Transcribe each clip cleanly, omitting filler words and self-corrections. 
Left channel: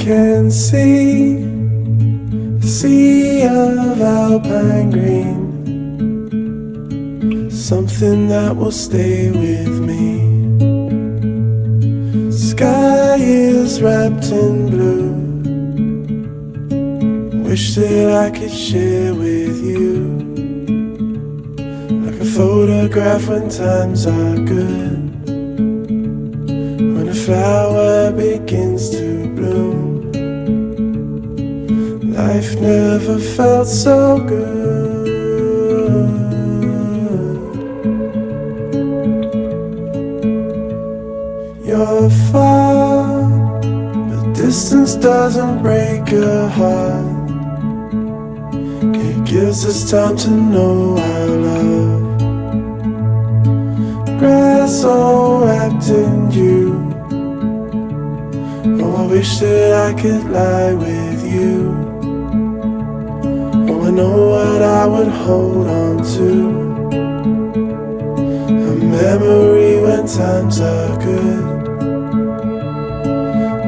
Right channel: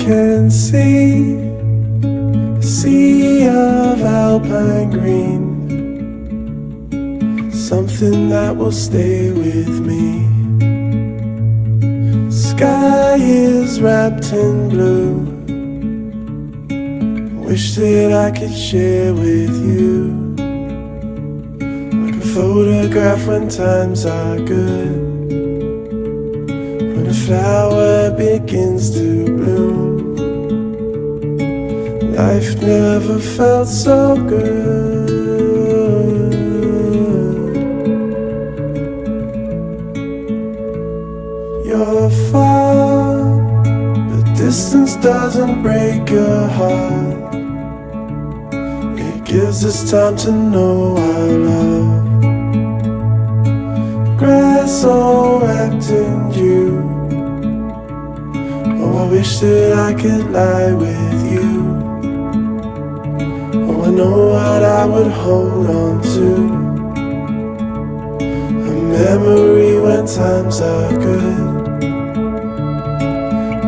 can see a sea of alpine green, something that will stay with me. Sky is wrapped in blue, wish that I could share with you, like a photograph when times are good, when a flower begins to bloom. Life never felt so good. You're far, but distance doesn't break your heart. It gives us time to know our love. Grass all wrapped in you. Oh, I wish that I could lie with you. Oh, I know what I would hold on to. A memory when times are good.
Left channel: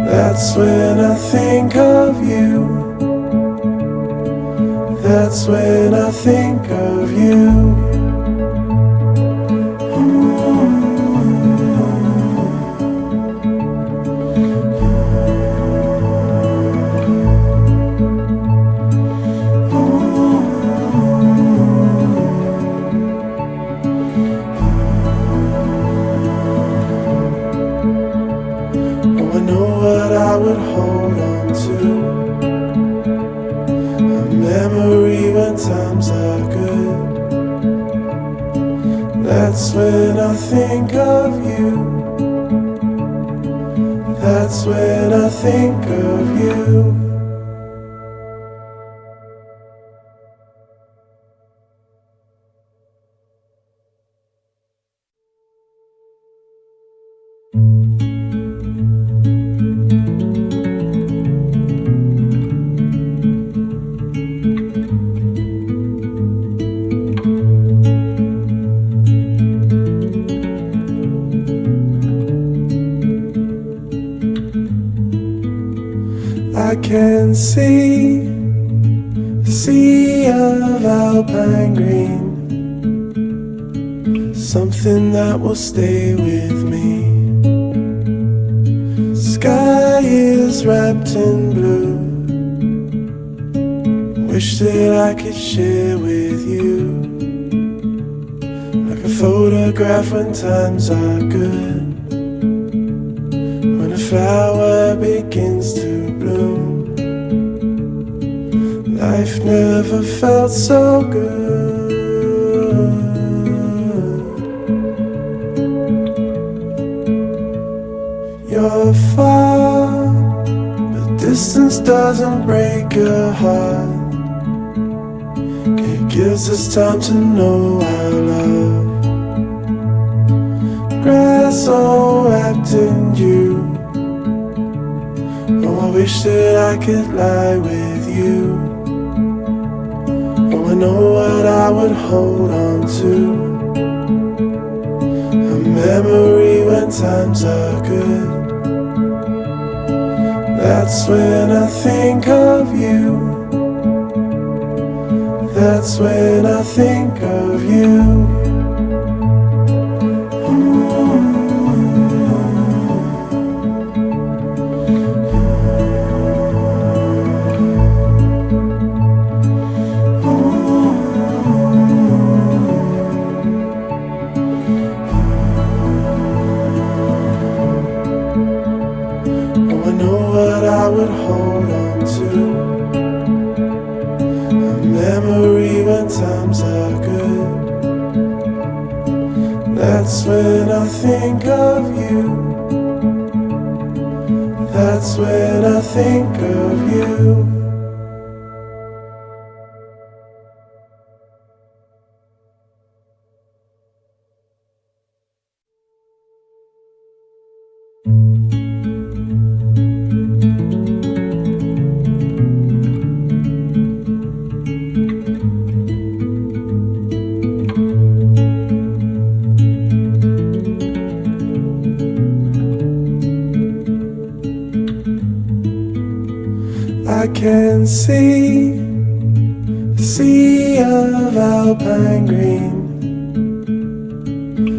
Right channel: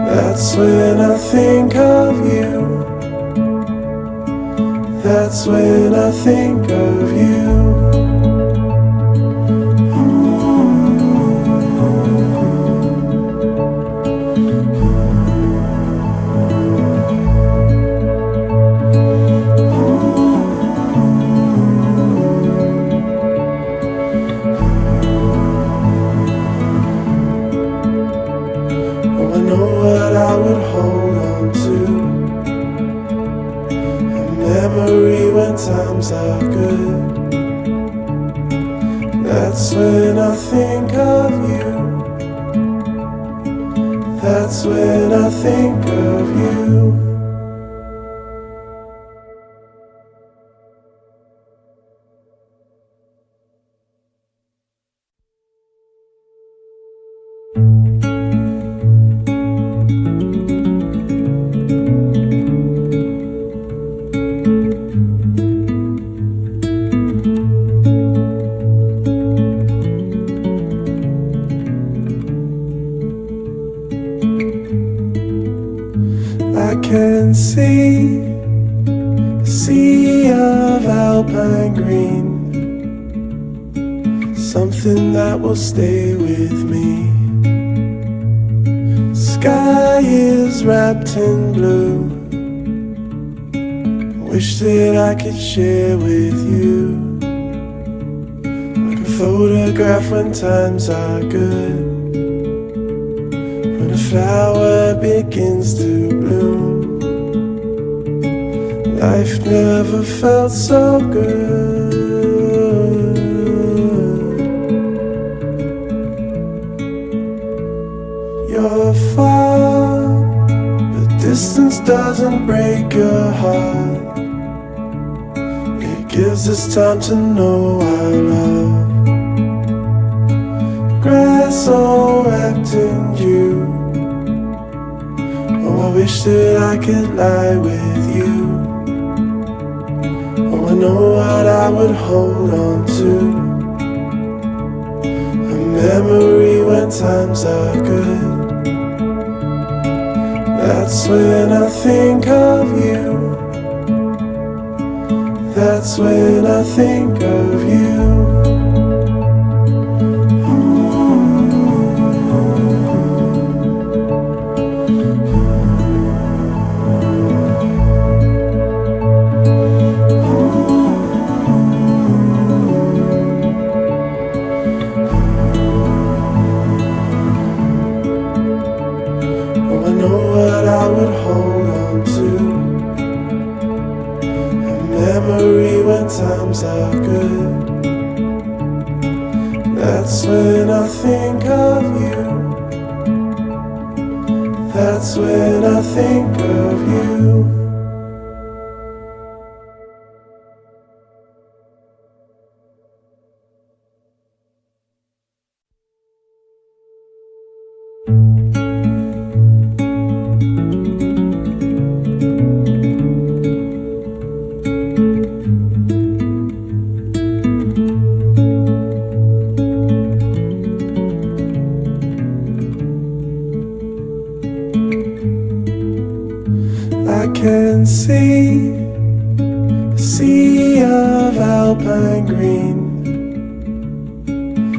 That's when I think of you. That's when I think of you. Oh, I know what I would hold on to. A memory when times are good. That's when I think of you. That's when I think of you. I can see a sea of alpine green, something that will stay with me. Sky is wrapped in blue, wish that I could share with you, like a photograph when times are good, when a flower begins to bloom. Life never felt so good. You're far, but distance doesn't break your heart. It gives us time to know our love. Grass all wrapped in you. Oh, I wish that I could lie with you. Oh, I know what I would hold on to. A memory when times are good. That's when I think of you. That's when I think of you. Oh, I know what I would hold on to. A memory when times are good. That's when I think of you. That's when I think of you. can see a sea of alpine green,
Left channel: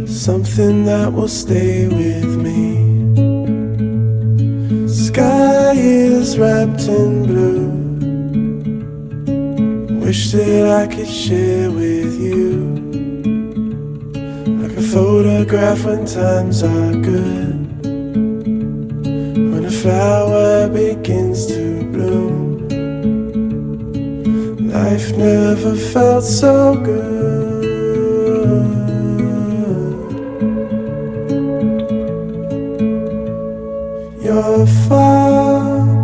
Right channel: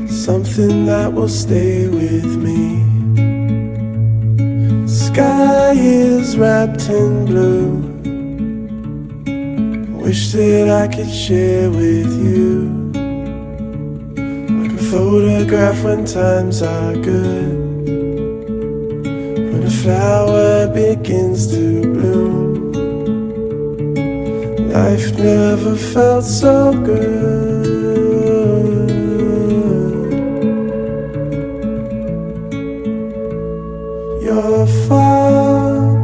something that will stay with me. Sky is wrapped in blue, wish that I could share with you, like a photograph when times are good, when a flower begins to bloom. Life never felt so good. You're far,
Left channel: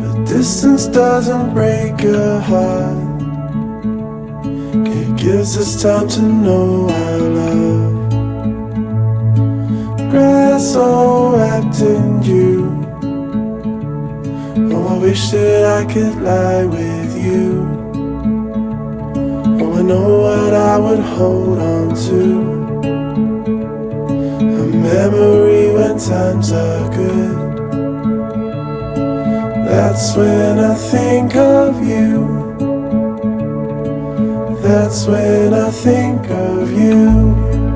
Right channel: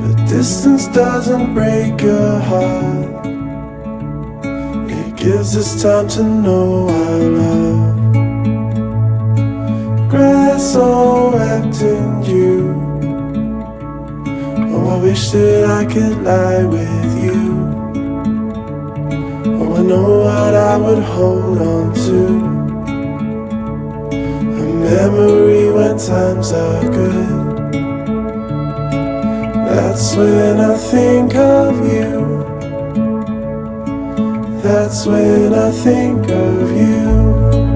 but distance doesn't break your heart. It gives us time to know our love. Grass all wrapped in you. Oh, I wish that I could lie with you. Oh, I know what I would hold on to. A memory when times are good. That's when I think of you. That's when I think of you.